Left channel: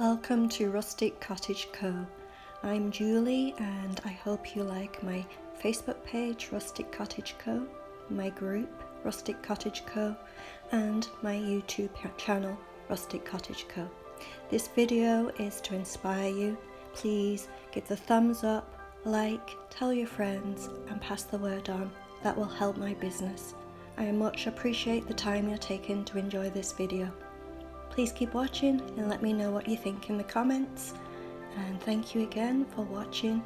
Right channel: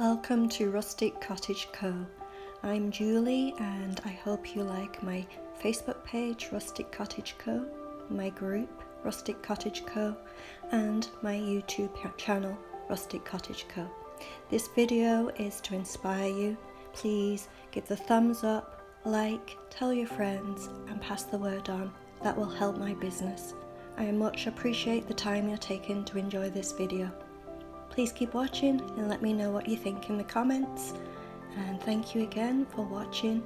Welcome to Rustic Cottage Co. I'm Julie and I hope you like my Facebook page Rustic Cottage Co, my group Rustic Cottage Co and my YouTube channel Rustic Cottage Co. This video is to inspire you. Please give the thumbs up, like, tell your friends and pass the word on. That will help my business. I much appreciate the time you're taking to enjoy this video. Please keep watching and let me know what you think in the comments. And thank you again for watching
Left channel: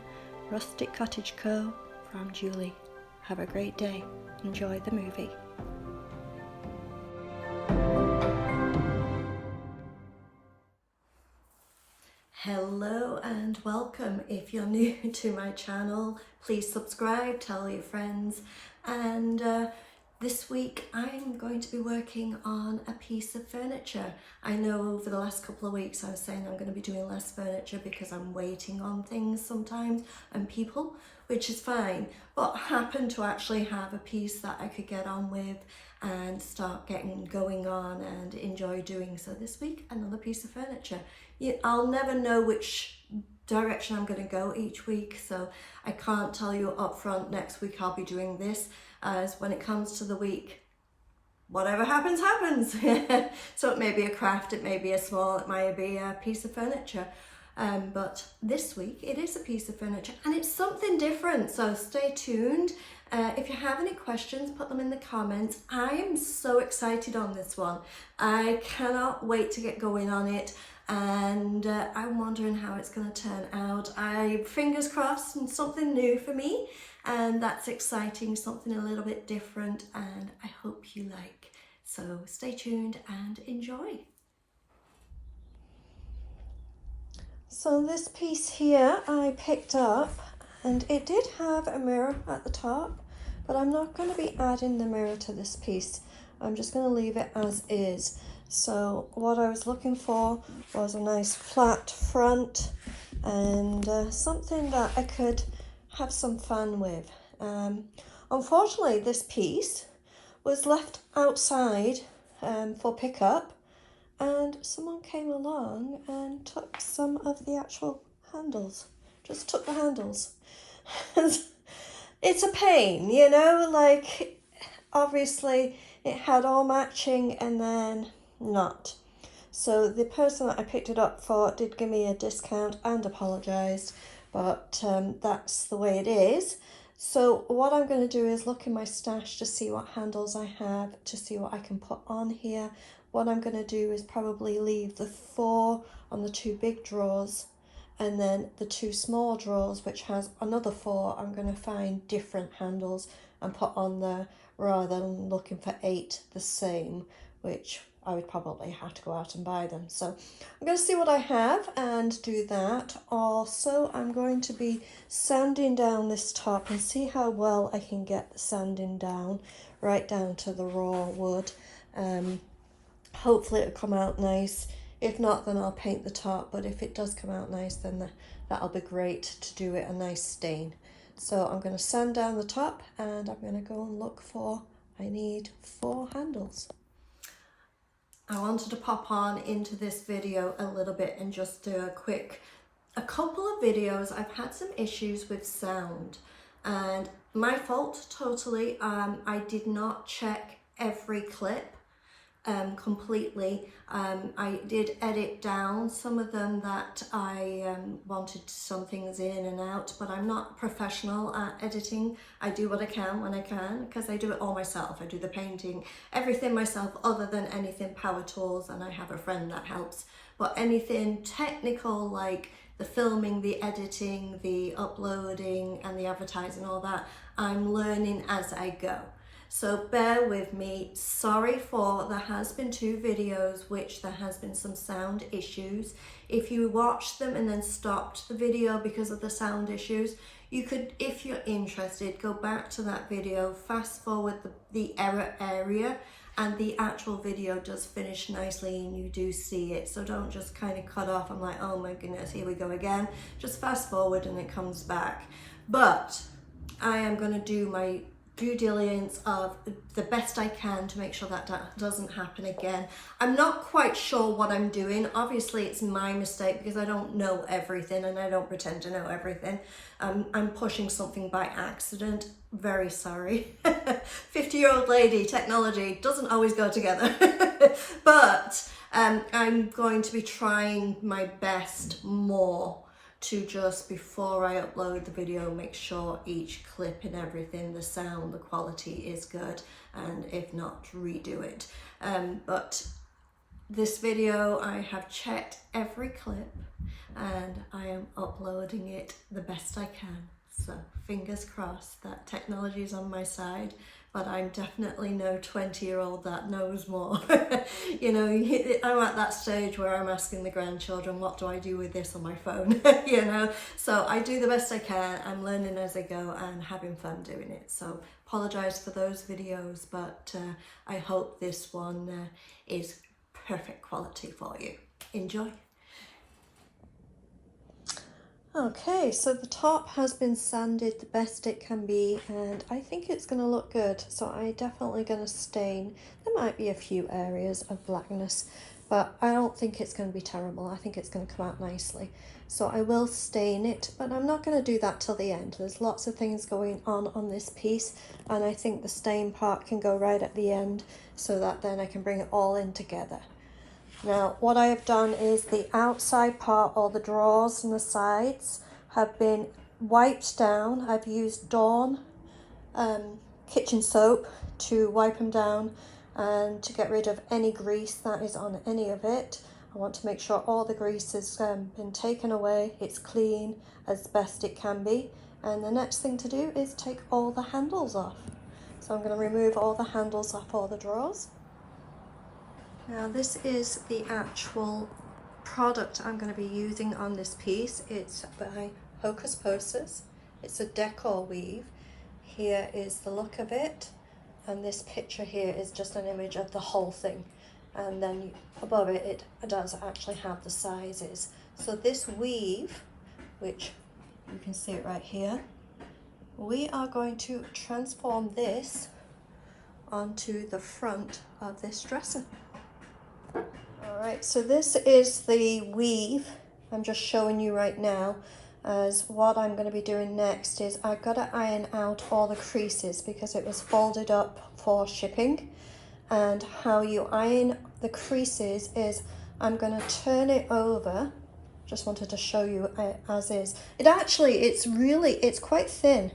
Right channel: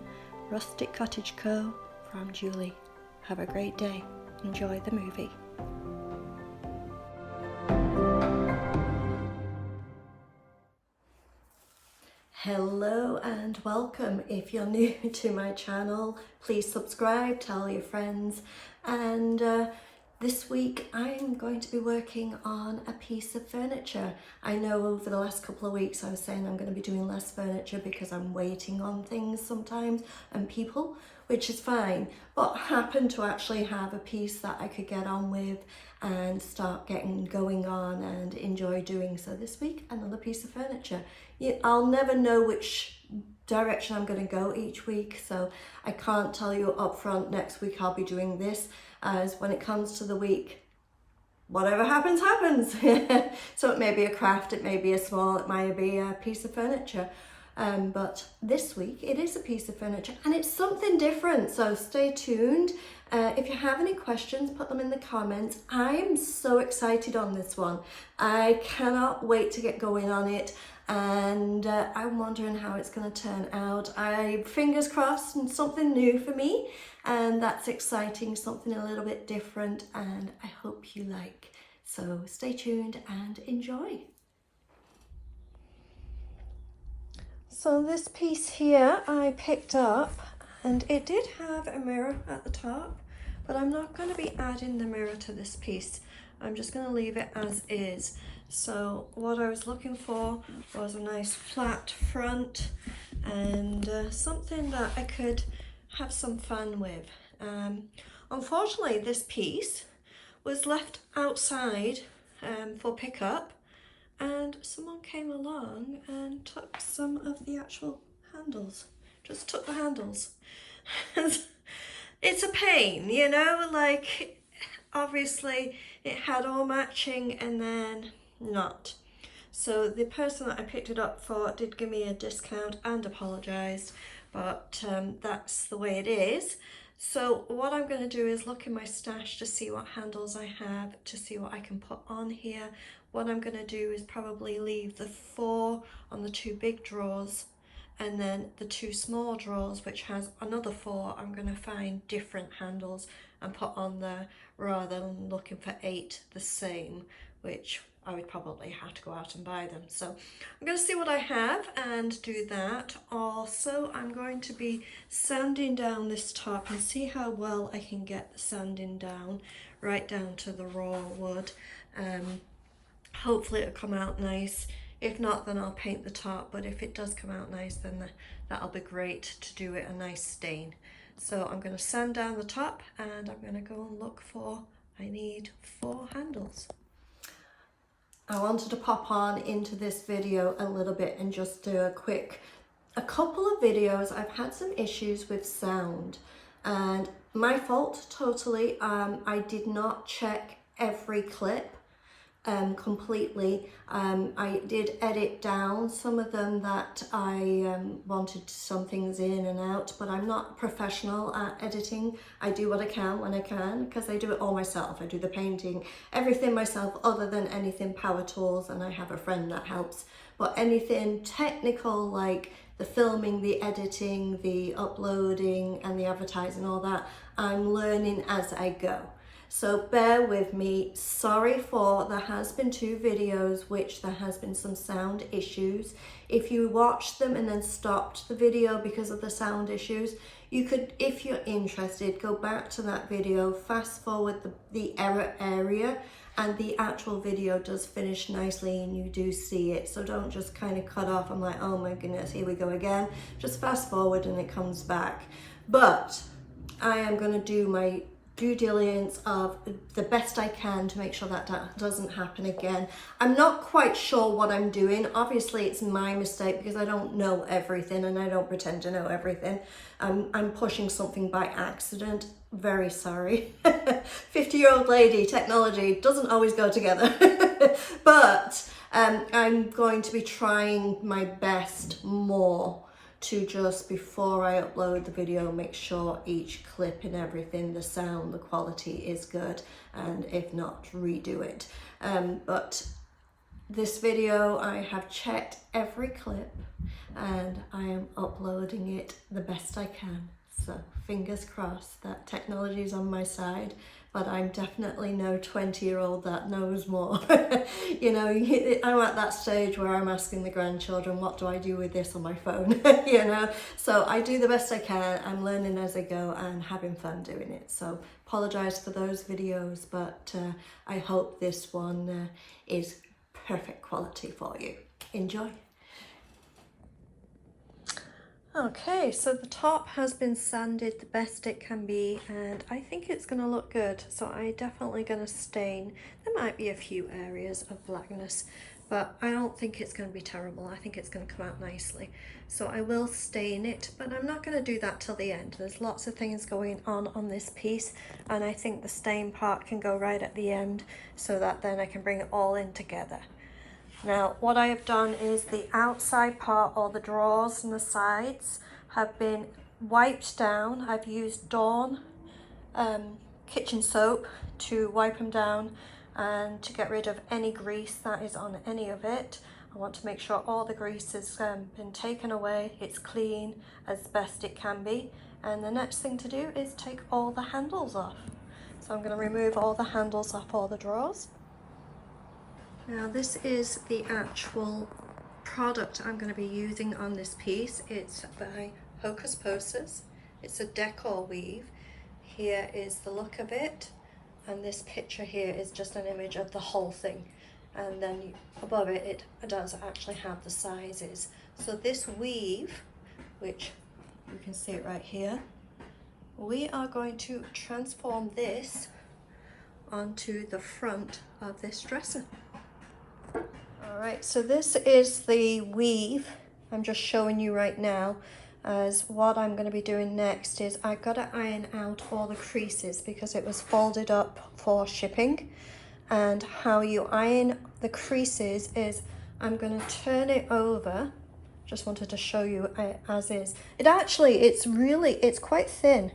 Rustic Cottage Co. from Julie. Have a great day. Enjoy the movie. Hello and welcome. If you're new to my channel, please subscribe, tell your friends, and this week I'm going to be working on a piece of furniture. I know over the last couple of weeks I was saying I'm going to be doing less furniture because I'm waiting on things sometimes and people, which is fine, but I happen to actually have a piece that I could get on with and start getting going on and enjoy doing. So this week, another piece of furniture. I'll never know which direction I'm going to go each week, so I can't tell you up front next week I'll be doing this, as when it comes to the week, whatever happens, happens. So it may be a craft, it may be a small, it might be a piece of furniture. But this week it is a piece of furniture and it's something different, so stay tuned. If you have any questions, put them in the comments. I am so excited on this one. I cannot wait to get going on it, and I'm wondering how it's going to turn out. Fingers crossed, and something new for me, and that's exciting, something a little bit different, and I hope you like. So stay tuned and enjoy. So this piece here I picked up, and it did have a mirror at the top, but I'm not going to be adding the mirror to this piece. I'm just going to leave it as is. So what I was looking for was a nice flat front and something that I could have some fun with. Unfortunately, this piece was left outside for pickup, and someone came along and took some of the actual handles. Just took the handles. It's a pain, you know, like obviously it had all matching and then not. So the person that I picked it up for did give me a discount and apologised, but that's the way it is. So what I'm going to do is look in my stash to see what handles I have, to see what I can put on here. What I'm going to do is probably leave the 4 on the 2 big drawers, and then the 2 small drawers, which has another 4, I'm going to find different handles and put on there, rather than looking for 8 the same, which I would probably have to go out and buy them. So I'm going to see what I have and do that. Also, I'm going to be sanding down this top and see how well I can get the sanding down, right down to the raw wood. Hopefully it'll come out nice. If not, then I'll paint the top, but if it does come out nice, then that'll be great to do it a nice stain. So I'm going to sand down the top and I'm going to go and look for, I need 4 handles. I wanted to pop on into this video a little bit and just do a couple of videos. I've had some issues with sound, and my fault totally. I did not check every clip completely. I did edit down some of them that I wanted some things in and out, but I'm not professional at editing. I do what I can when I can, because I do it all myself. I do the painting, everything myself, other than anything power tools, and I have a friend that helps. But anything technical like the filming, the editing, the uploading and the advertising, all that, I'm learning as I go. So bear with me. Sorry for, there has been 2 videos which there has been some sound issues. If you watched them and then stopped the video because of the sound issues, you could, if you're interested, go back to that video, fast forward the error area, and the actual video does finish nicely and you do see it. So don't just kind of cut off. I'm like, oh my goodness, here we go again. Just fast forward and it comes back. But I am going to do my due diligence of the best I can to make sure that that doesn't happen again. I'm not quite sure what I'm doing. Obviously it's my mistake because I don't know everything and I don't pretend to know everything. I'm pushing something by accident. Very sorry. 50-year-old lady, technology doesn't always go together. But I'm going to be trying my best more to just, before I upload the video, make sure each clip and everything, the sound, the quality is good, and if not, redo it. But this video, I have checked every clip and I am uploading it the best I can. So fingers crossed that technology is on my side, but I'm definitely no 20-year-old that knows more. You know, I'm at that stage where I'm asking the grandchildren, what do I do with this on my phone? You know, so I do the best I can. I'm learning as I go and having fun doing it. So apologize for those videos, but I hope this one is perfect quality for you. Enjoy. Okay, so the top has been sanded the best it can be, and I think it's going to look good. So I'm definitely going to stain. There might be a few areas of blackness, but I don't think it's going to be terrible. I think it's going to come out nicely. So I will stain it, but I'm not going to do that till the end. There's lots of things going on this piece, and I think the stain part can go right at the end so that then I can bring it all in together. Now, what I have done is the outside part, or the drawers and the sides, have been wiped down. I've used Dawn kitchen soap to wipe them down and to get rid of any grease that is on any of it. I want to make sure all the grease has been taken away. It's clean as best it can be. And the next thing to do is take all the handles off. So I'm going to remove all the handles off all the drawers. Now this is the actual product I'm going to be using on this piece. It's by Hocus Pocus. It's a Decor Weave. Here is the look of it, and this picture here is just an image of the whole thing, and then above it, it does actually have the sizes. So this weave, which you can see it right here, we are going to transform this onto the front of this dresser. Alright, so this is the weave I'm just showing you right now. As what I'm going to be doing next is I've got to iron out all the creases because it was folded up for shipping. And how you iron the creases is I'm going to turn it over. Just wanted to show you as is. It's quite thin.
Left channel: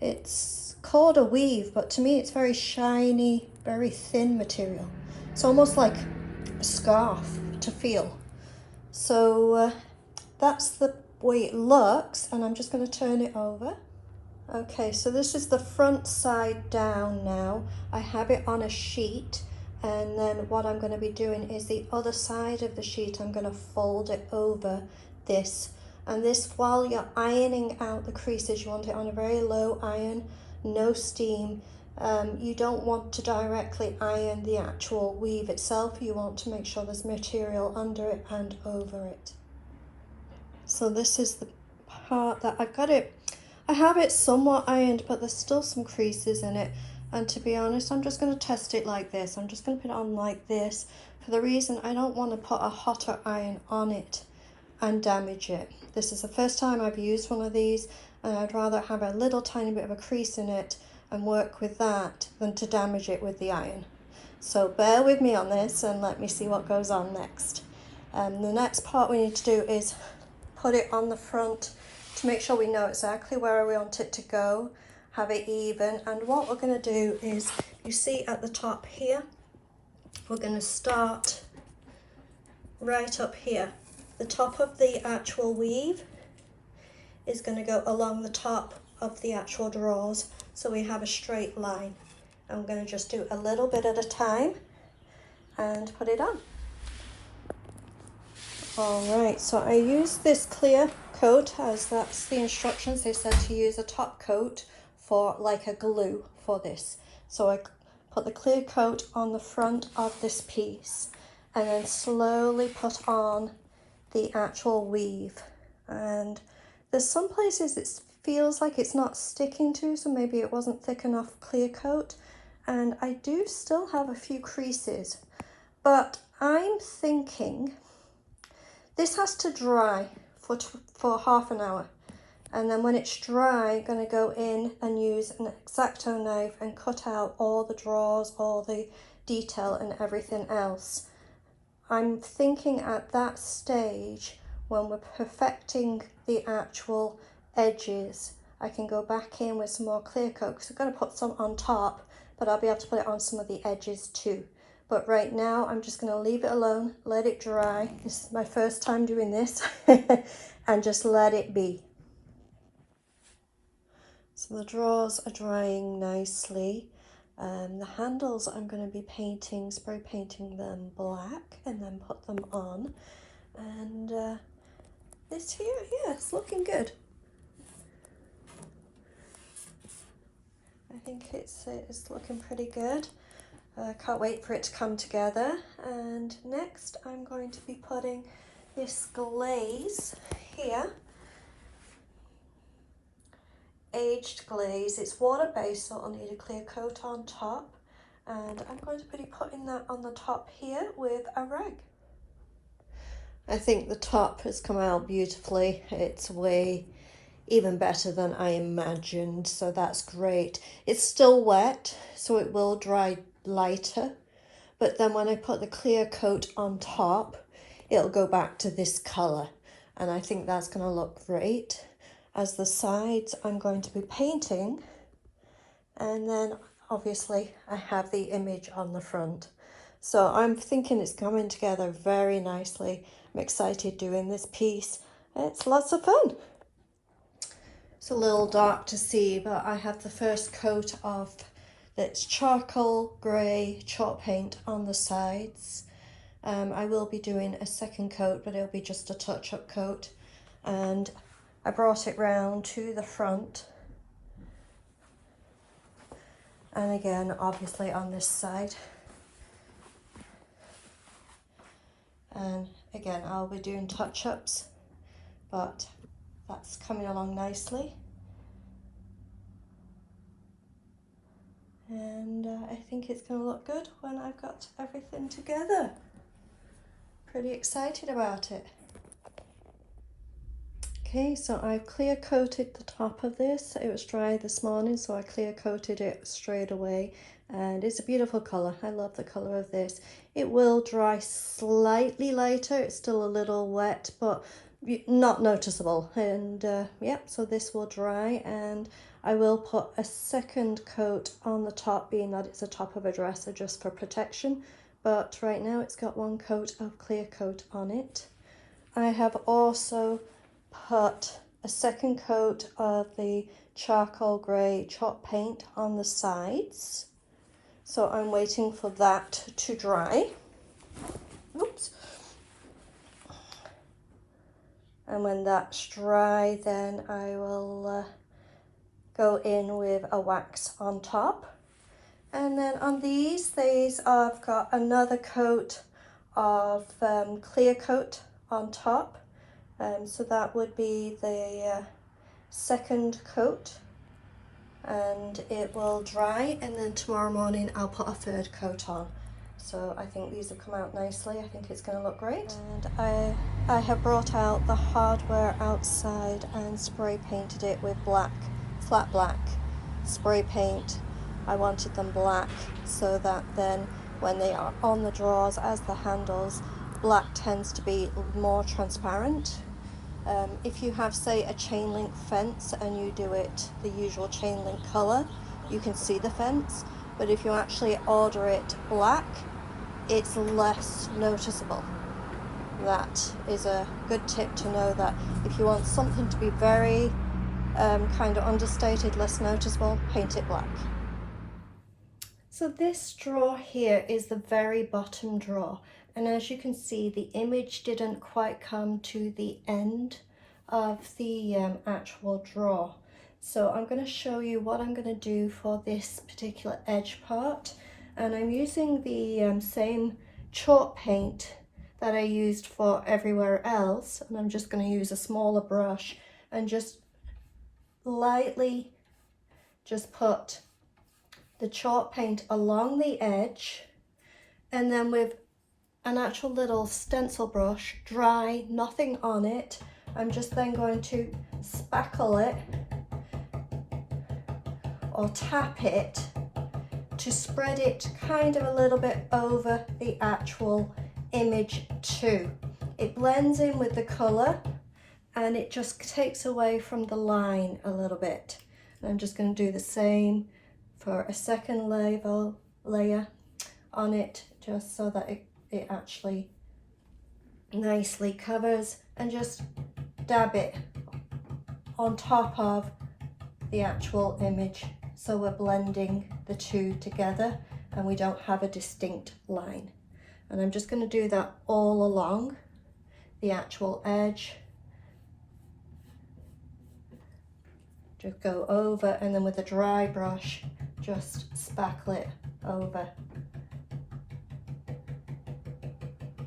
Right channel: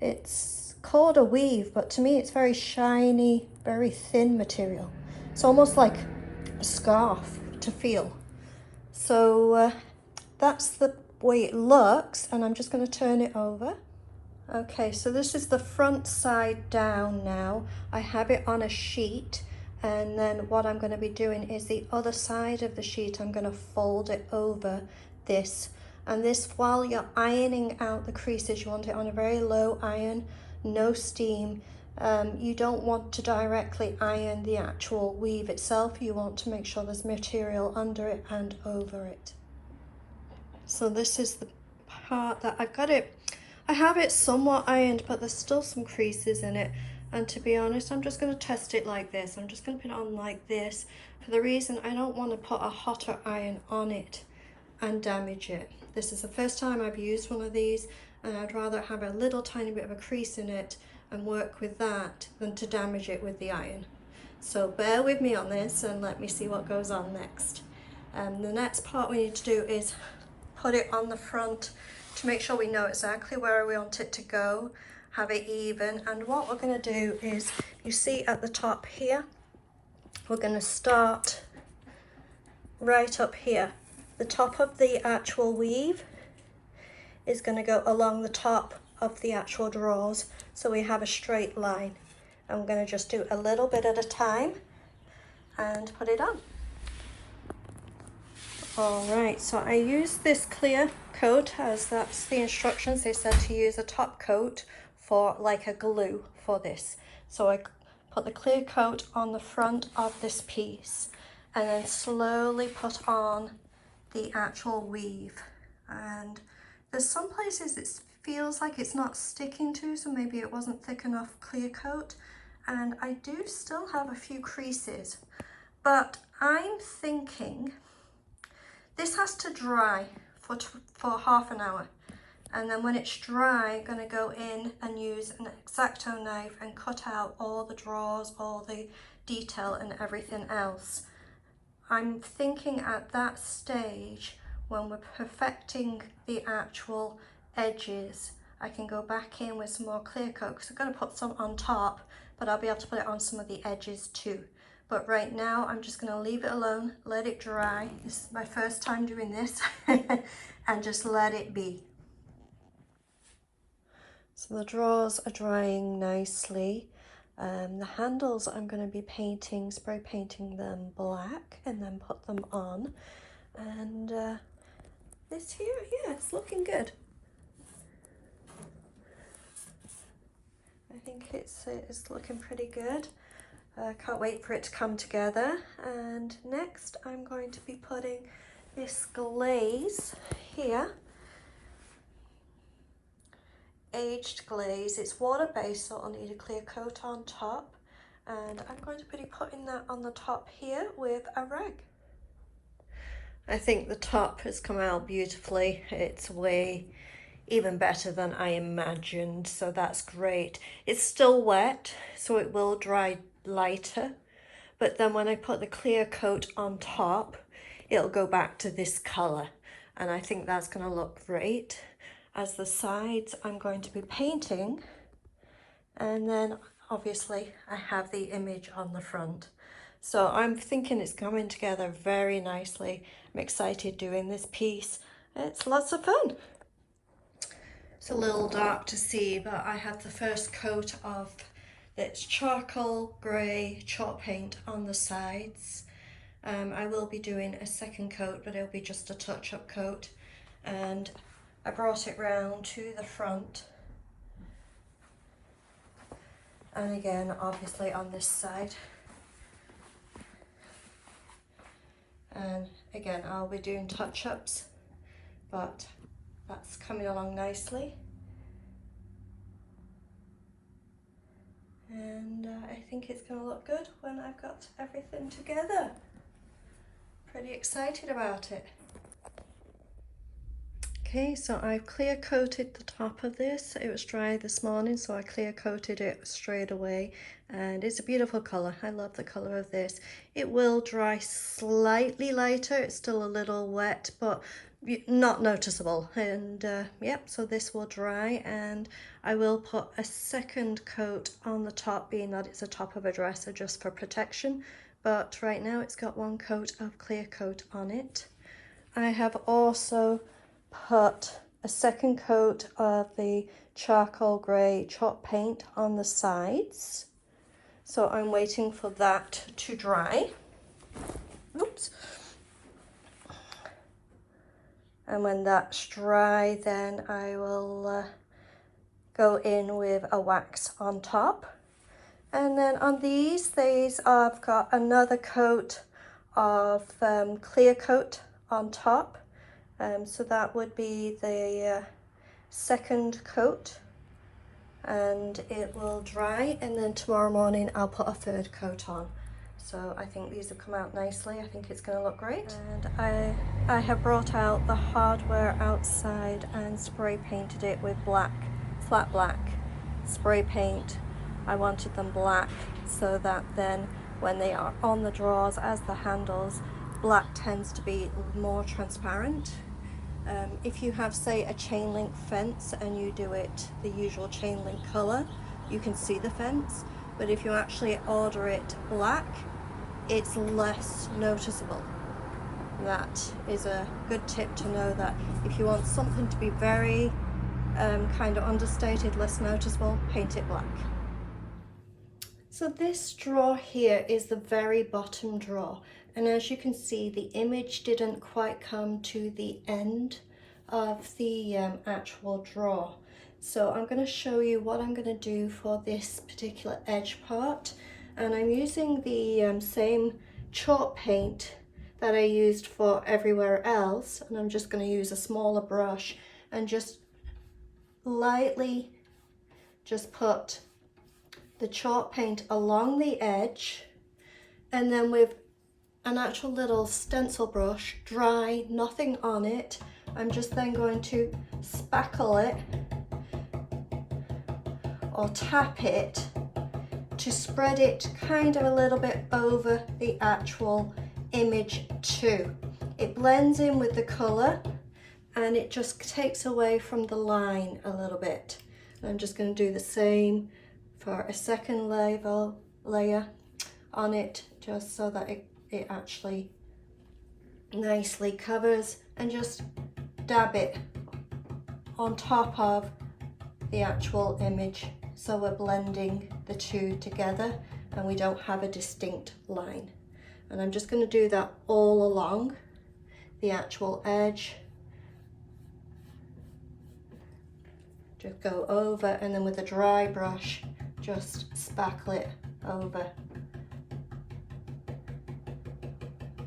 It's called a weave, but to me it's very shiny, very thin material. It's almost like a scarf to feel. So that's the way it looks, and I'm just going to turn it over. Okay, so this is the front side down now. I have it on a sheet, and then what I'm going to be doing is the other side of the sheet, I'm going to fold it over this. And this, while you're ironing out the creases, you want it on a very low iron, no steam. You don't want to directly iron the actual weave itself. You want to make sure there's material under it and over it. So this is the part that I've got it. I have it somewhat ironed, but there's still some creases in it. And to be honest, I'm just going to test it like this. I'm just going to put it on like this for the reason I don't want to put a hotter iron on it and damage it. This is the first time I've used one of these, and I'd rather have a little tiny bit of a crease in it and work with that than to damage it with the iron. So bear with me on this and let me see what goes on next. The next part we need to do is put it on the front to make sure we know exactly where we want it to go, have it even. And what we're going to do is, you see at the top here, we're going to start right up here. The top of the actual weave is going to go along the top of the actual drawers, so we have a straight line. I'm going to just do a little bit at a time and put it on. Alright, so I use this clear coat, as that's the instructions. They said to use a top coat for like a glue for this. So I put the clear coat on the front of this piece and then slowly put on the actual weave. And there's some places it feels like it's not sticking to, so maybe it wasn't thick enough clear coat. And I do still have a few creases, but I'm thinking this has to dry for half an hour. And then when it's dry, I'm going to go in and use an X-Acto knife and cut out all the drawers, all the detail and everything else. I'm thinking at that stage, when we're perfecting the actual edges, I can go back in with some more clear coat, because I'm going to put some on top, but I'll be able to put it on some of the edges too. But right now, I'm just going to leave it alone, let it dry. This is my first time doing this, and just let it be. So the drawers are drying nicely. The handles I'm going to be painting, spray painting them black and then put them on. And this here, yeah, it's looking good. I think it's looking pretty good. Can't wait for it to come together. And next I'm going to be putting this glaze here. Aged glaze. It's water-based, so I'll need a clear coat on top. And I'm going to be putting that on the top here with a rag. I think the top has come out beautifully. It's way even better than I imagined, so that's great. It's still wet, so it will dry lighter, but then when I put the clear coat on top, it'll go back to this color, and I think that's going to look great. As the sides, I'm going to be painting, and then obviously I have the image on the front. So I'm thinking it's coming together very nicely. I'm excited doing this piece. It's lots of fun. It's a little dark to see, but I have the first coat of this charcoal grey chalk paint on the sides. I will be doing a second coat, but it'll be just a touch-up coat. And I brought it round to the front. And again, obviously on this side. And again, I'll be doing touch-ups, but that's coming along nicely. And I think it's going to look good when I've got everything together. Pretty excited about it. Okay, so I've clear coated the top of this. It was dry this morning, so I clear coated it straight away. And it's a beautiful colour. I love the colour of this. It will dry slightly lighter. It's still a little wet, but not noticeable. And yep, so this will dry, and I will put a second coat on the top, being that it's the top of a dresser, just for protection. But right now it's got one coat of clear coat on it. I have also put a second coat of the charcoal grey chalk paint on the sides. So I'm waiting for that to dry. Oops. And when that's dry, then I will go in with a wax on top. And then on these I've got another coat of clear coat on top. So that would be the second coat, and it will dry, and then tomorrow morning I'll put a third coat on. So I think these have come out nicely. I think it's going to look great. And I have brought out the hardware outside and spray painted it with black, flat black spray paint. I wanted them black so that then when they are on the drawers as the handles, black tends to be more transparent. If you have, say, a chain link fence and you do it the usual chain link color, you can see the fence. But if you actually order it black, it's less noticeable. That is a good tip to know, that if you want something to be very kind of understated, less noticeable, paint it black. So this drawer here is the very bottom drawer, and as you can see, the image didn't quite come to the end of the actual drawer. So I'm going to show you what I'm going to do for this particular edge part, and I'm using the same chalk paint that I used for everywhere else, and I'm just going to use a smaller brush and just lightly just put the chalk paint along the edge, and then with an actual little stencil brush, dry, nothing on it, I'm just then going to spackle it or tap it to spread it kind of a little bit over the actual image too. It blends in with the colour and it just takes away from the line a little bit. I'm just going to do the same for a second layer on it, just so that it actually nicely covers, and just dab it on top of the actual image, so we're blending the two together and we don't have a distinct line. And I'm just going to do that all along the actual edge. Just go over, and then with a dry brush just spackle it over.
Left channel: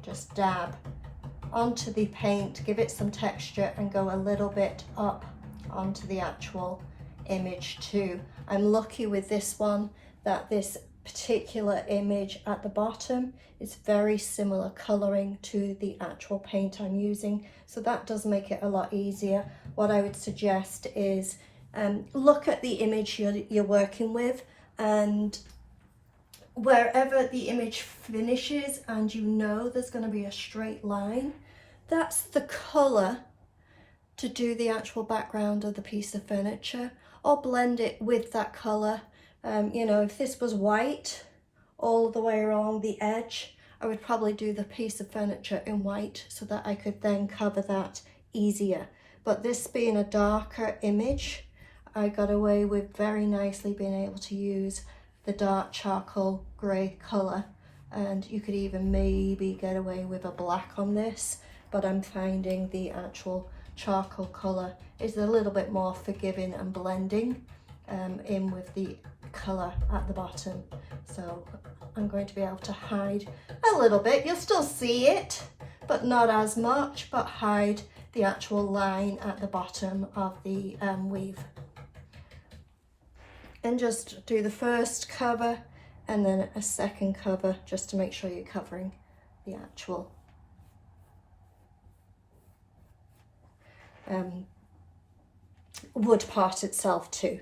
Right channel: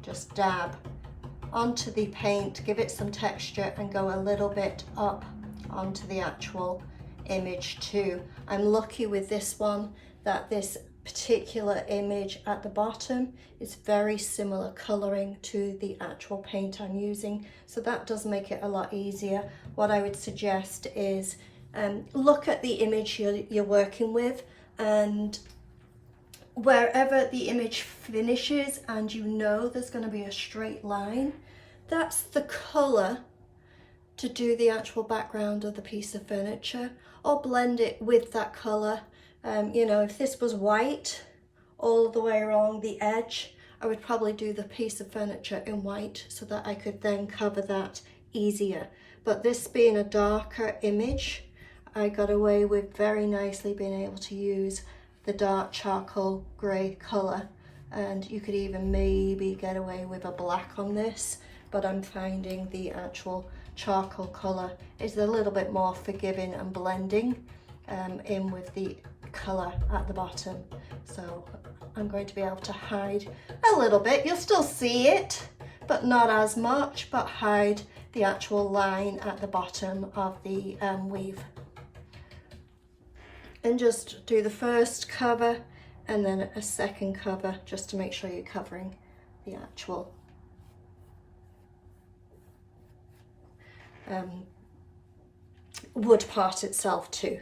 Just dab onto the paint, give it some texture, and go a little bit up onto the actual image too. I'm lucky with this one that this particular image at the bottom is very similar colouring to the actual paint I'm using, so that does make it a lot easier. What I would suggest is look at the image you're working with, and wherever the image finishes and you know there's going to be a straight line, that's the colour to do the actual background of the piece of furniture, or blend it with that colour. You know, if this was white all the way along the edge, I would probably do the piece of furniture in white so that I could then cover that easier. But this being a darker image, I got away with very nicely being able to use the dark charcoal grey colour, and you could even maybe get away with a black on this, but I'm finding the actual charcoal colour is a little bit more forgiving and blending in with the colour at the bottom. So I'm going to be able to hide a little bit. You'll still see it, but not as much, but hide the actual line at the bottom of the weave. And just do the first cover and then a second cover, just to make sure you're covering the actual wood part itself too.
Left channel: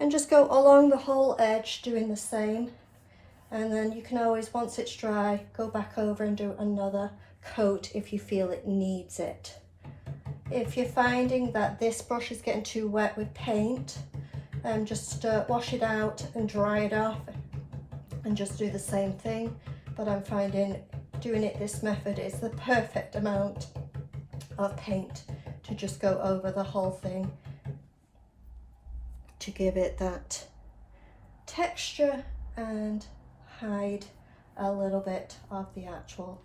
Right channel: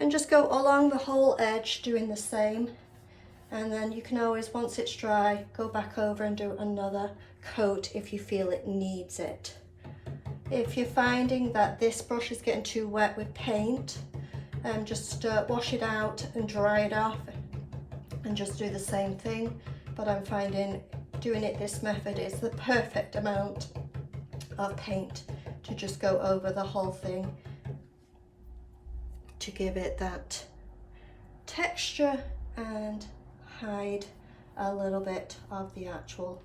And just go along the whole edge doing the same, and then you can always, once it's dry, go back over and do another coat if you feel it needs it. If you're finding that this brush is getting too wet with paint, just wash it out and dry it off and just do the same thing. But I'm finding doing it this method is the perfect amount of paint to just go over the whole thing to give it that texture and hide a little bit of the actual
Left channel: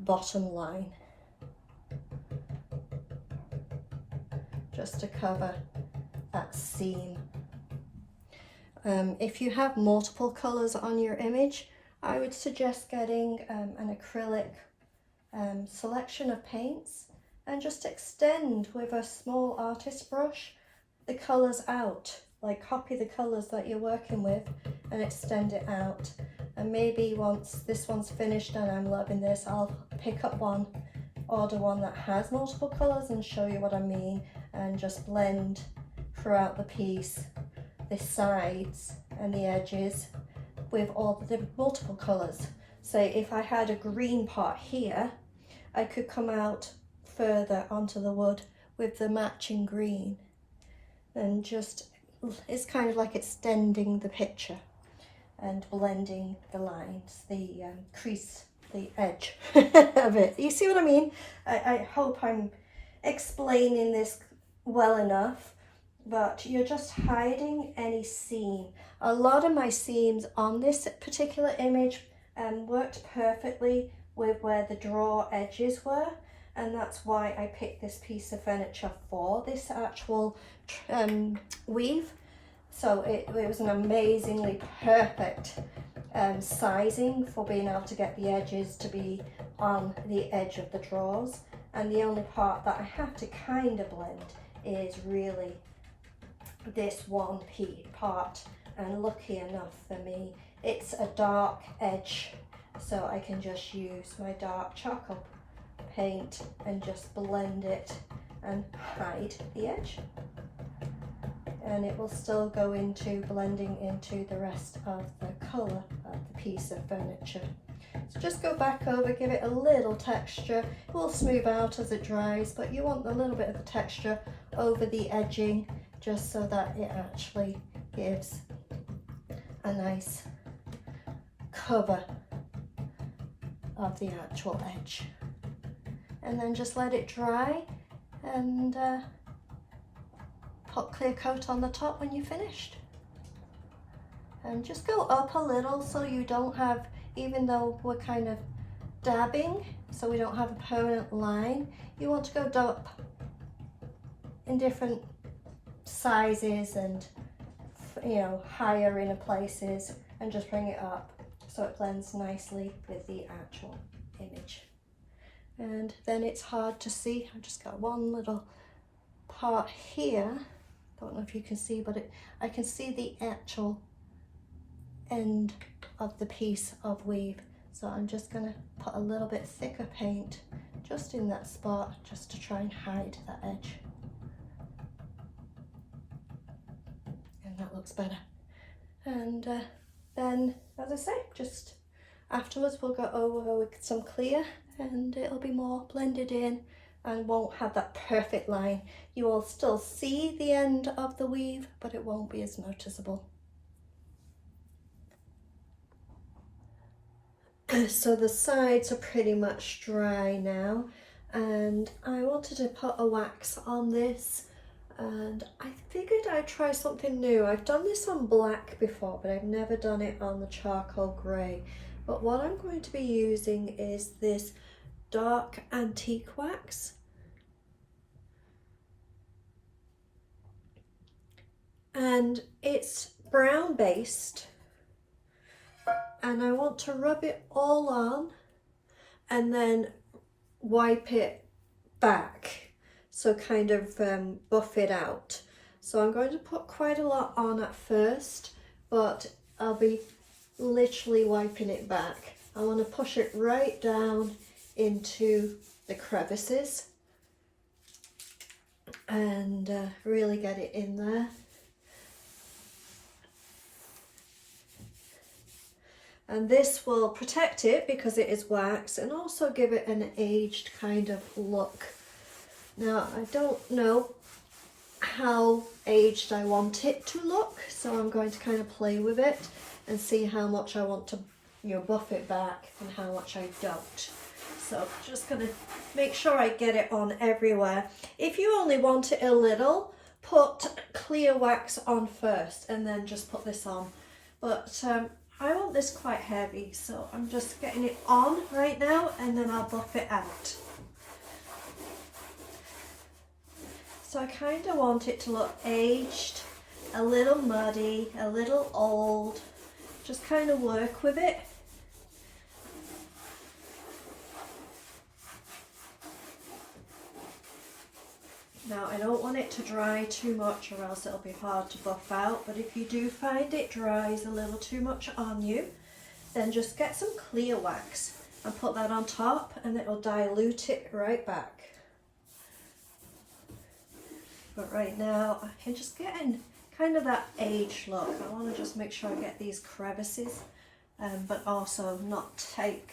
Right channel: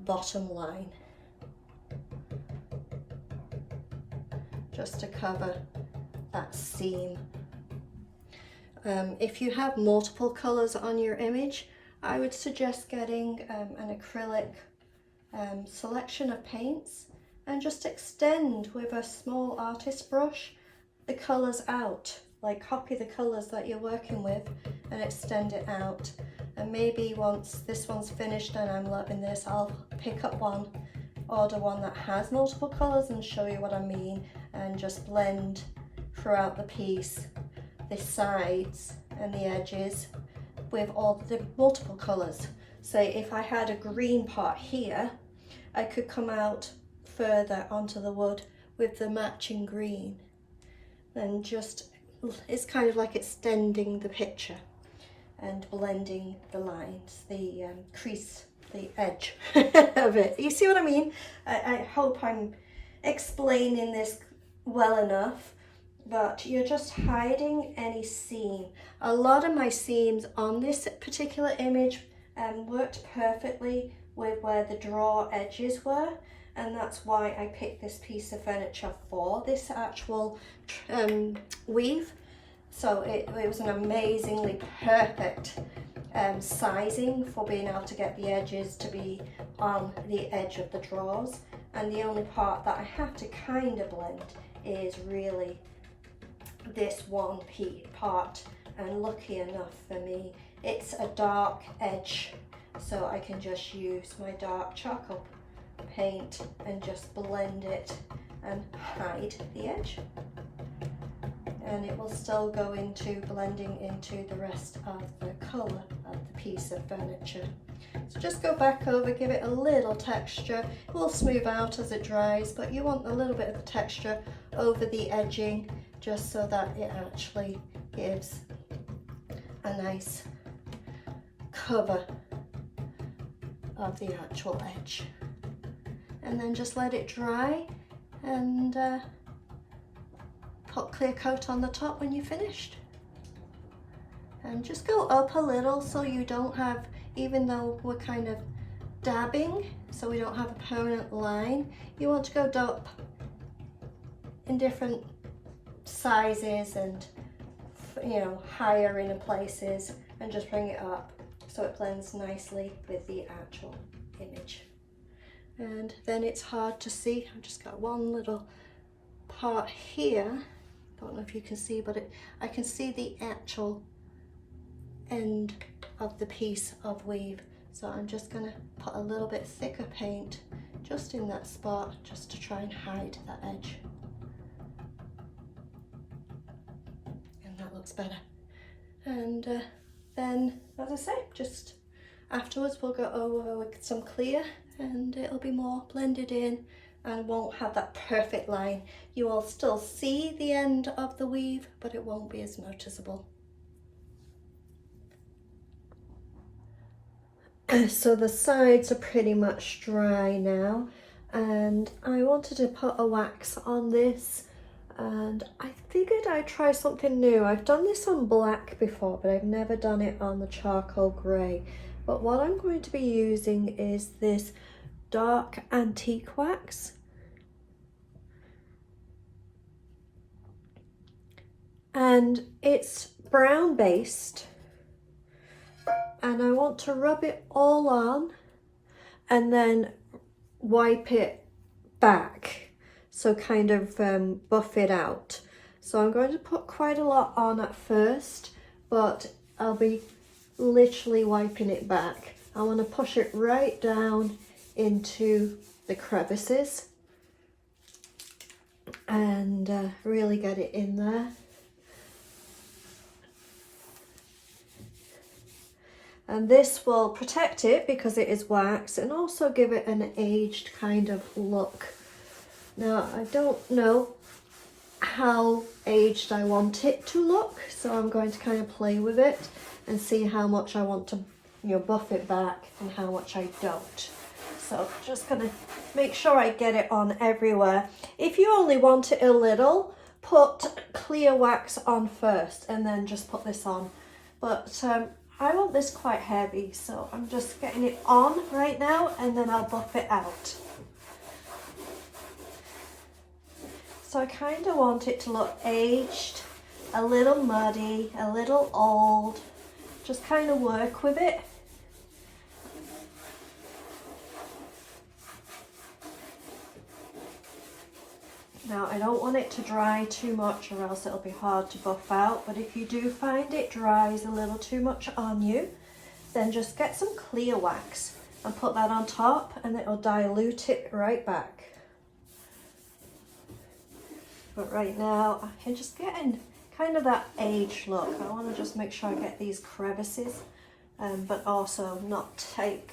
bottom line, just to cover that seam. If you have multiple colours on your image, I would suggest getting an acrylic selection of paints and just extend with a small artist brush the colours out. Like, copy the colours that you're working with and extend it out. And maybe once this one's finished and I'm loving this, I'll pick up one, order one that has multiple colours and show you what I mean, and just blend throughout the piece the sides and the edges with all the multiple colours. Say if I had a green part here, I could come out further onto the wood with the matching green, and just, it's kind of like extending the picture and blending the lines, the crease, the edge of it. You see what I mean? I hope I'm explaining this well enough, but you're just hiding any seam. A lot of my seams on this particular image worked perfectly with where the draw edges were, and that's why I picked this piece of furniture for this actual weave. So it was an amazingly perfect sizing for being able to get the edges to be on the edge of the drawers, and the only part that I have to kind of blend is really this one part, and lucky enough for me, it's a dark edge, so I can just use my dark charcoal paint and just blend it and hide the edge, and it will still go into blending into the rest of the colour of the piece of furniture. So just go back over, give it a little texture. It will smooth out as it dries, but you want a little bit of a texture over the edging just so that it actually gives a nice cover of the actual edge. And then just let it dry and put clear coat on the top when you're finished. And just go up a little so you don't have, even though we're kind of dabbing, so we don't have a permanent line, you want to go up in different sizes and, you know, higher in places, and just bring it up so it blends nicely with the actual image. And then it's hard to see. I've just got one little part here. Don't know if you can see, but I can see the actual end of the piece of weave. So I'm just gonna put a little bit thicker paint just in that spot, just to try and hide that edge. And that looks better. And then, as I say, just afterwards we'll go over with some clear and it'll be more blended in and won't have that perfect line. You will still see the end of the weave, but it won't be as noticeable. So the sides are pretty much dry now, and I wanted to put a wax on this, and I figured I'd try something new. I've done this on black before, but I've never done it on the charcoal grey. But what I'm going to be using is this dark antique wax. And it's brown based. And I want to rub it all on and then wipe it back, so kind of buff it out. So I'm going to put quite a lot on at first, but I'll be literally wiping it back. I want to push it right down into the crevices and really get it in there. And this will protect it because it is wax, and also give it an aged kind of look. Now, I don't know how aged I want it to look, so I'm going to kind of play with it and see how much I want to, you know, buff it back and how much I don't. So I'm just going to make sure I get it on everywhere. If you only want it a little, put clear wax on first and then just put this on. But I want this quite heavy, so I'm just getting it on right now and then I'll buff it out. So I kind of want it to look aged, a little muddy, a little old. Just kind of work with it. Now, I don't want it to dry too much or else it'll be hard to buff out, but if you do find it dries a little too much on you, then just get some clear wax and put that on top and it'll dilute it right back. But right now, I'm just getting kind of that aged look. I want to just make sure I get these crevices, but also not take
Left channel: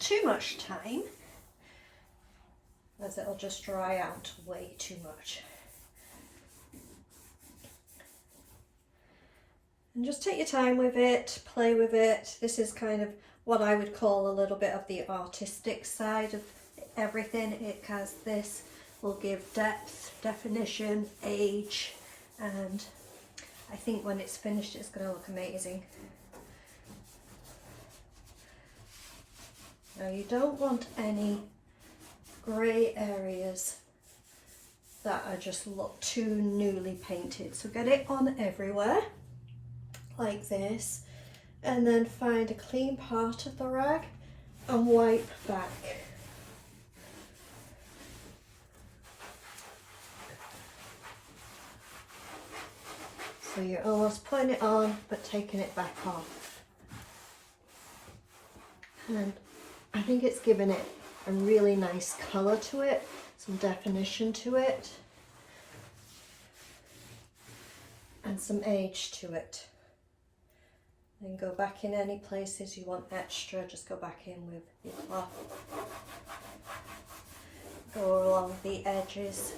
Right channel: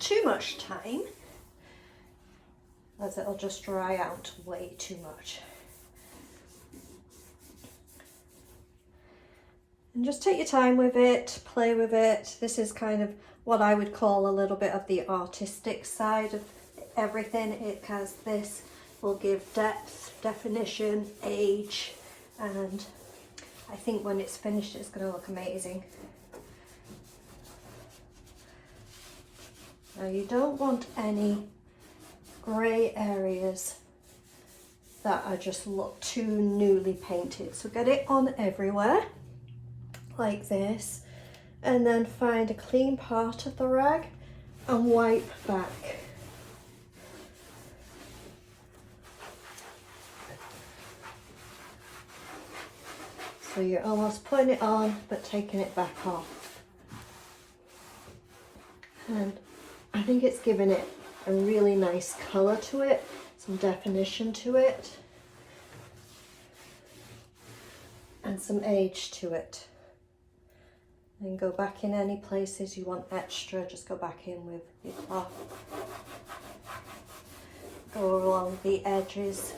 too much time, as it'll just dry out way too much. And just take your time with it, play with it. This is kind of what I would call a little bit of the artistic side of everything, because this will give depth, definition, age, and I think when it's finished it's going to look amazing. Now, you don't want any grey areas that are just look too newly painted, so get it on everywhere like this, and then find a clean part of the rag and wipe back. So you're almost putting it on but taking it back off. And I think it's giving it a really nice colour to it, some definition to it, and some age to it. Then go back in any places you want extra, just go back in with your cloth. Go along the edges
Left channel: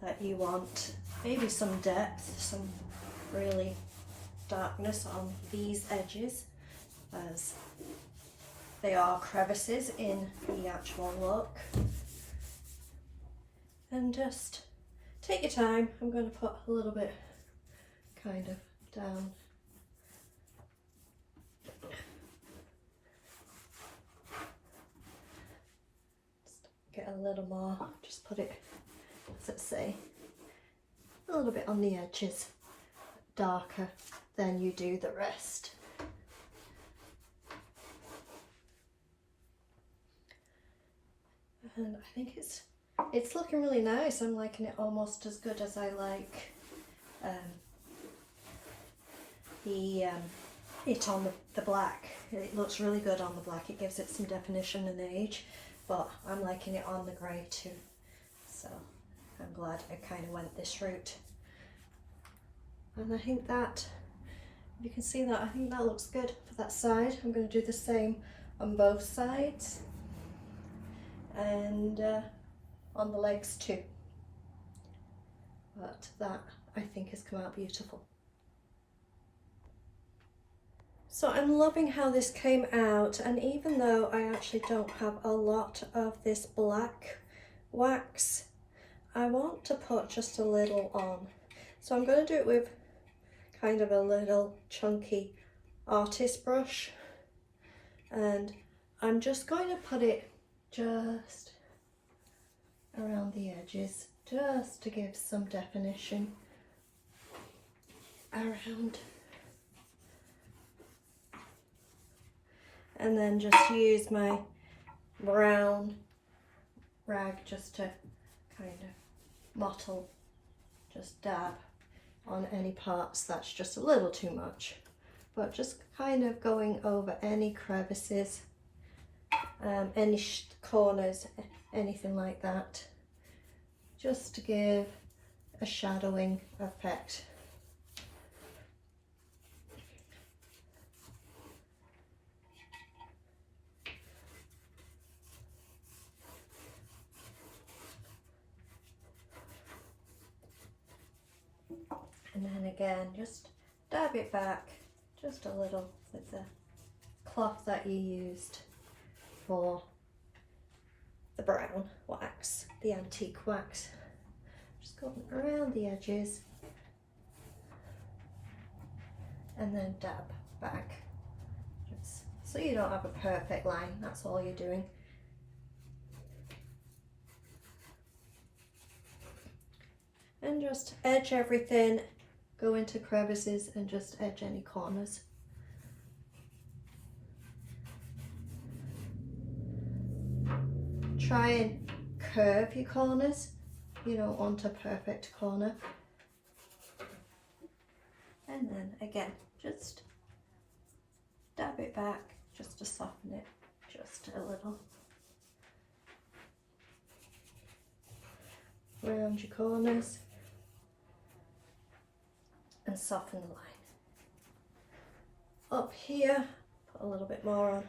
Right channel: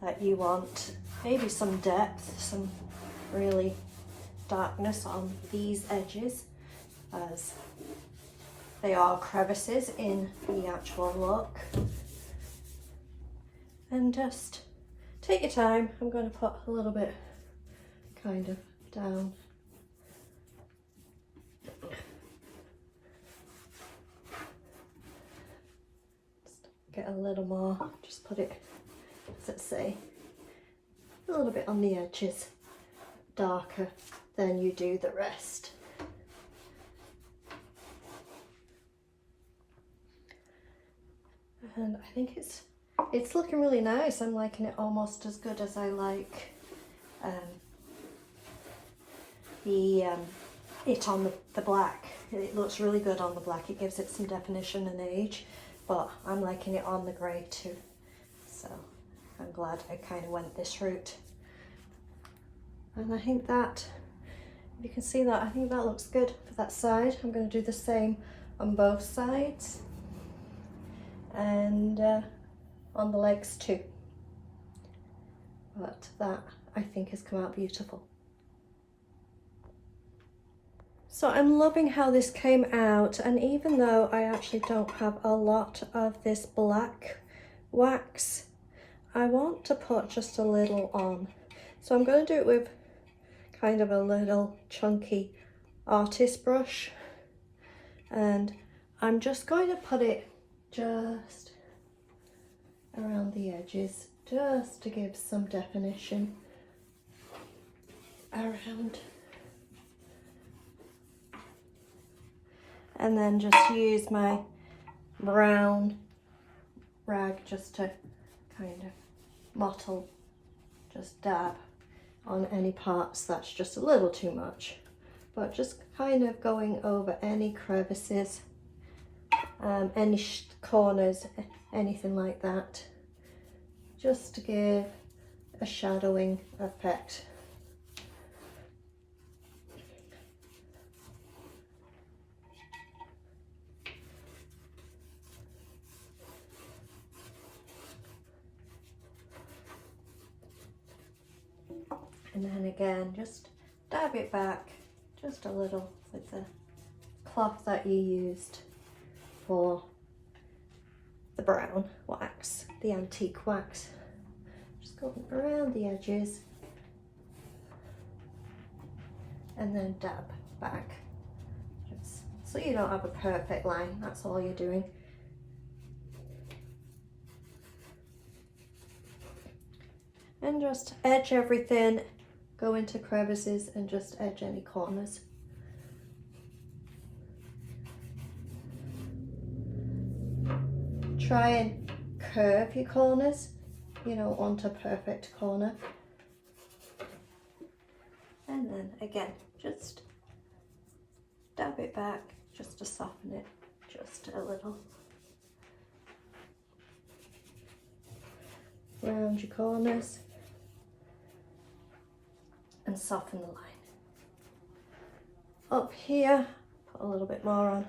that you want. Maybe some depth, some really darkness on these edges, as they are crevices in the actual look. And just take your time. I'm going to put a little bit kind of down. Get a little more, just put it, let's say, a little bit on the edges, darker than you do the rest. And I think it's looking really nice. I'm liking it almost as good as I like it on the black. It looks really good on the black. It gives it some definition and age. But I'm liking it on the grey too, so I'm glad I kind of went this route. And I think that, you can see that, I think that looks good for that side. I'm going to do the same on both sides, and on the legs too. But that, I think, has come out beautiful. So I'm loving how this came out, and even though I actually don't have a lot of this black wax, I want to put just a little on. So I'm going to do it with kind of a little chunky artist brush, and I'm just going to put it just around the edges, just to give some definition around. And then just use my brown rag just to kind of mottle, just dab on any parts that's just a little too much. But just kind of going over any crevices, any corners, anything like that, just to give a shadowing effect. And then again, just dab it back just a little with the cloth that you used for the brown wax, the antique wax. Just go around the edges and then dab back, just so you don't have a perfect line. That's all you're doing. And just edge everything, go into crevices and just edge any corners. Try and curve your corners. You don't want a perfect corner. And then again, just dab it back just to soften it just a little. Around your corners. And soften the line. Up here, put a little bit more on.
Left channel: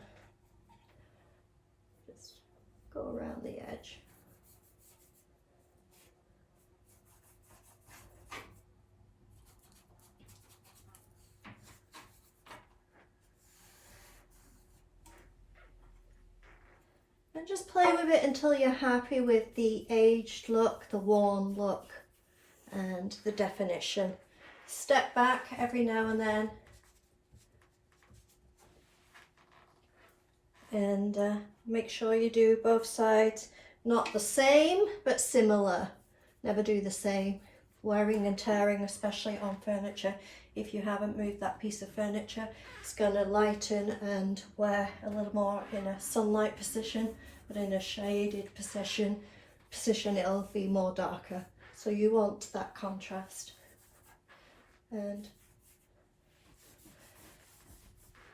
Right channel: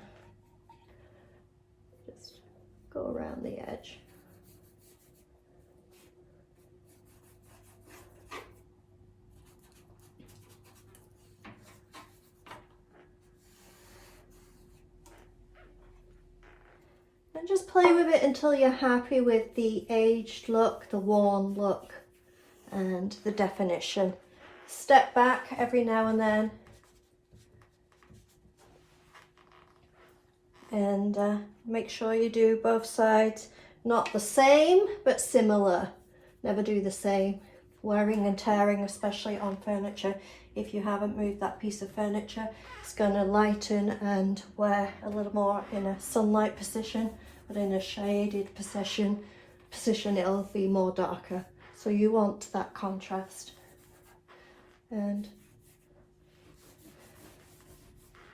Just go around the edge. And just play with it until you're happy with the aged look, the worn look, and the definition. Step back every now and then and make sure you do both sides, not the same but similar. Never do the same. Wearing and tearing, especially on furniture, if you haven't moved that piece of furniture, it's going to lighten and wear a little more in a sunlight position, but in a shaded position it'll be more darker. So you want that contrast. And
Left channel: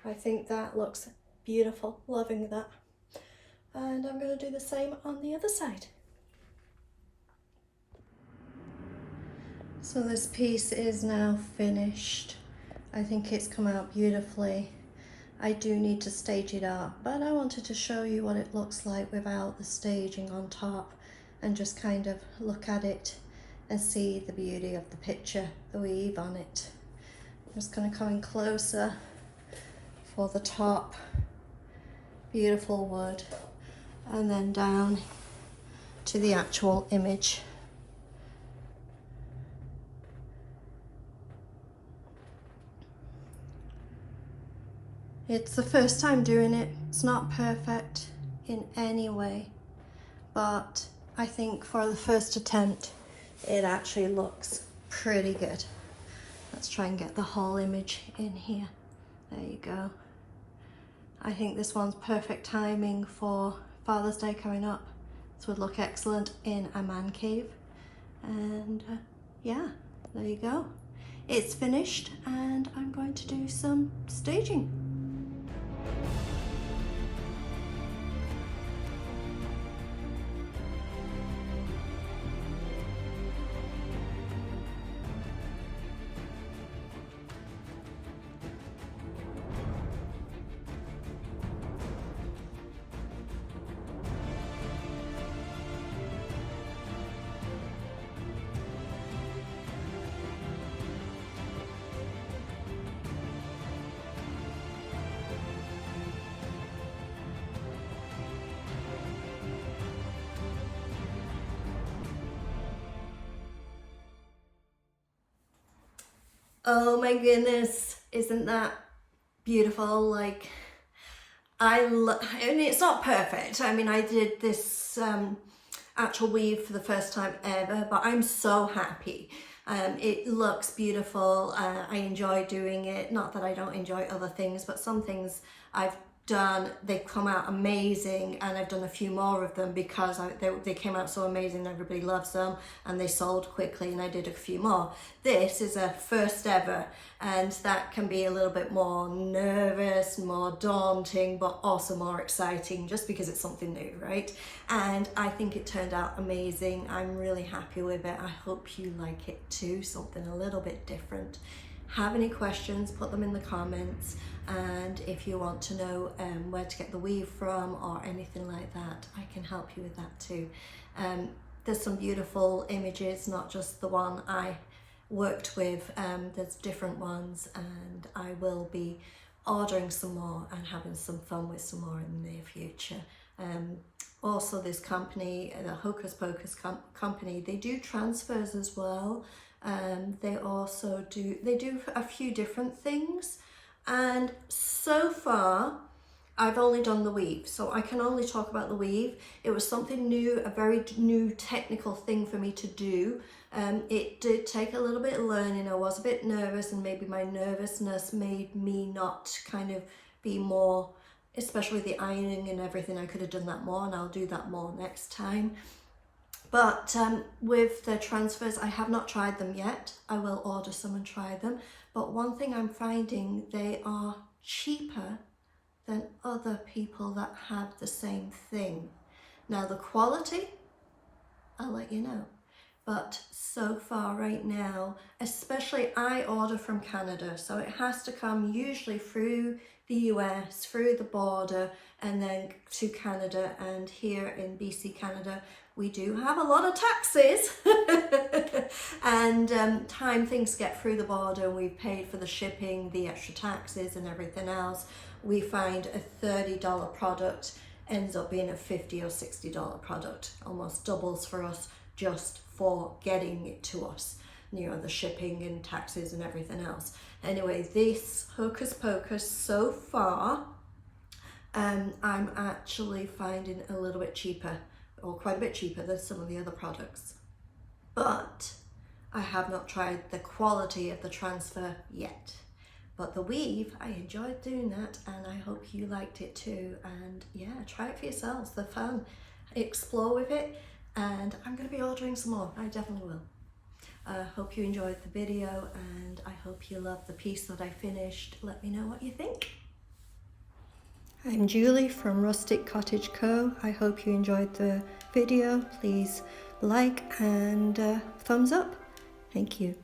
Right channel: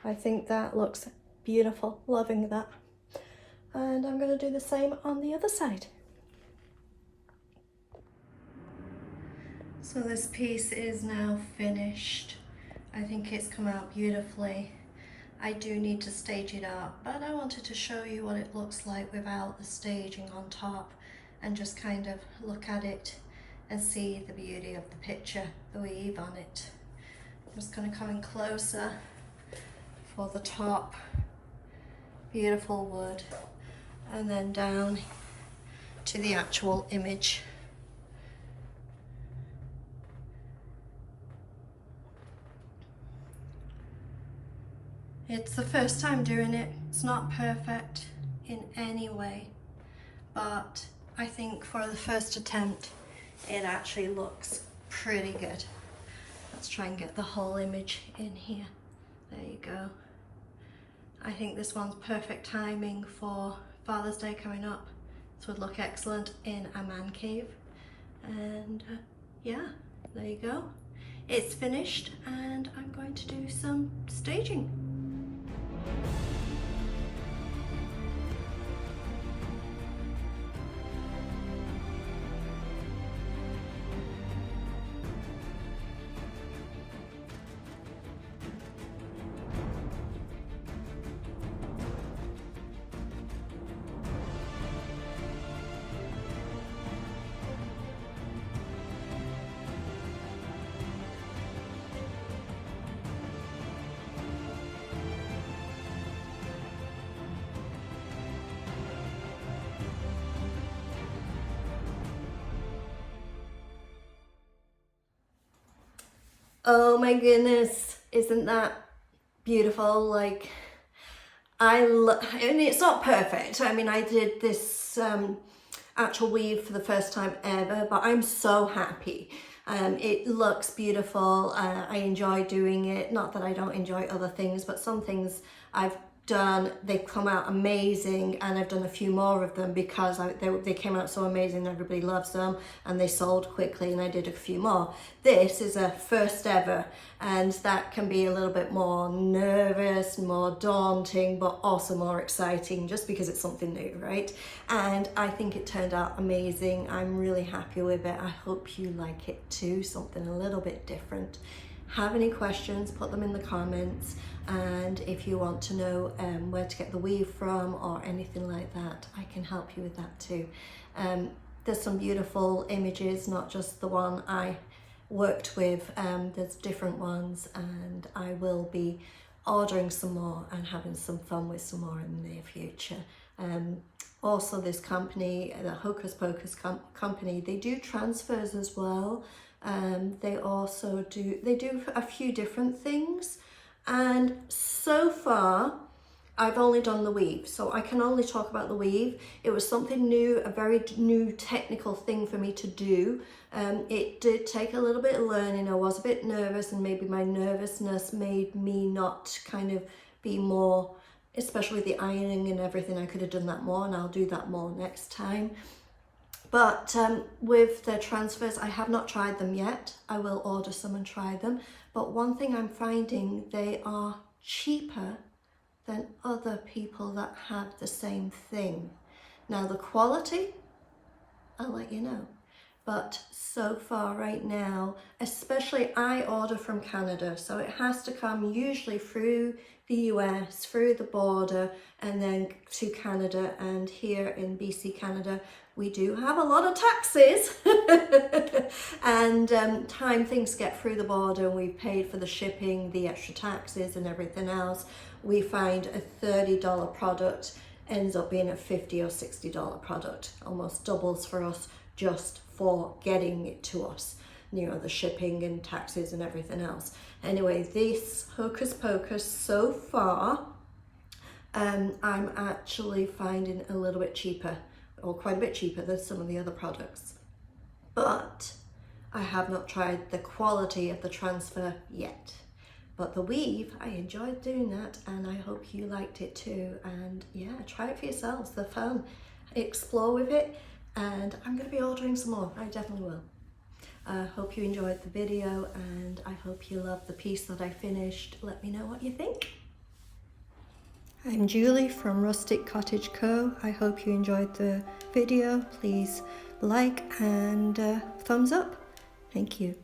I think that looks beautiful, loving that. And I'm going to do the same on the other side. So this piece is now finished. I think it's come out beautifully. I do need to stage it up, but I wanted to show you what it looks like without the staging on top, and just kind of look at it and see the beauty of the picture, the weave on it. I'm just going to come in closer for the top. Beautiful wood. And then down to the actual image. It's the first time doing it. It's not perfect in any way, but I think for the first attempt, it actually looks pretty good. Let's try and get the whole image in here. There you go. I think this one's perfect timing for Father's Day coming up. This would look excellent in a man cave. And yeah, there you go. It's finished, and I'm going to do some staging. Oh my goodness, isn't that beautiful? Like, and it's not perfect. I mean, I did this actual weave for the first time ever, but I'm so happy. It looks beautiful. I enjoy doing it. Not that I don't enjoy other things, but some things I've done, they've come out amazing, and I've done a few more of them because they came out so amazing, everybody loves them, and they sold quickly, and I did a few more. This is a first ever, and that can be a little bit more nervous, more daunting, but also more exciting just because it's something new, right? And I think it turned out amazing. I'm really happy with it. I hope you like it too, something a little bit different. Have any questions, put them in the comments. And if you want to know where to get the weave from or anything like that, I can help you with that too. There's some beautiful images, not just the one I worked with. There's different ones, and I will be ordering some more and having some fun with some more in the near future. Also, this company, the Hocus Pocus company, they do transfers as well. They also do a few different things. And so far, I've only done the weave, so I can only talk about the weave. It was something new, a very new technical thing for me to do. It did take a little bit of learning. I was a bit nervous, and maybe my nervousness made me not kind of be more, especially with the ironing and everything. I could have done that more, and I'll do that more next time. But with the transfers, I have not tried them yet. I will order some and try them. But one thing I'm finding, they are cheaper than other people that have the same thing. Now the quality, I'll let you know. But so far right now, especially I order from Canada, so it has to come usually through the US, through the border, and then to Canada. And here in BC, Canada, we do have a lot of taxes and time things get through the border, and we've paid for the shipping, the extra taxes and everything else. We find a $30 product ends up being a $50 or $60 product, almost doubles for us just for getting it to us, you know, the shipping and taxes and everything else. Anyway, this Hocus Pocus so far, I'm actually finding a little bit cheaper, or quite a bit cheaper than some of the other products. But I have not tried the quality of the transfer yet. But the weave, I enjoyed doing that, and I hope you liked it too. And yeah, try it for yourselves. They're fun. Explore with it, and I'm going to be ordering some more. I definitely will. I hope you enjoyed the video, and I hope you love the piece that I finished. Let me know what you think. I'm Julie from Rustic Cottage Co. I hope you enjoyed the video. Please like and thumbs up. Thank you.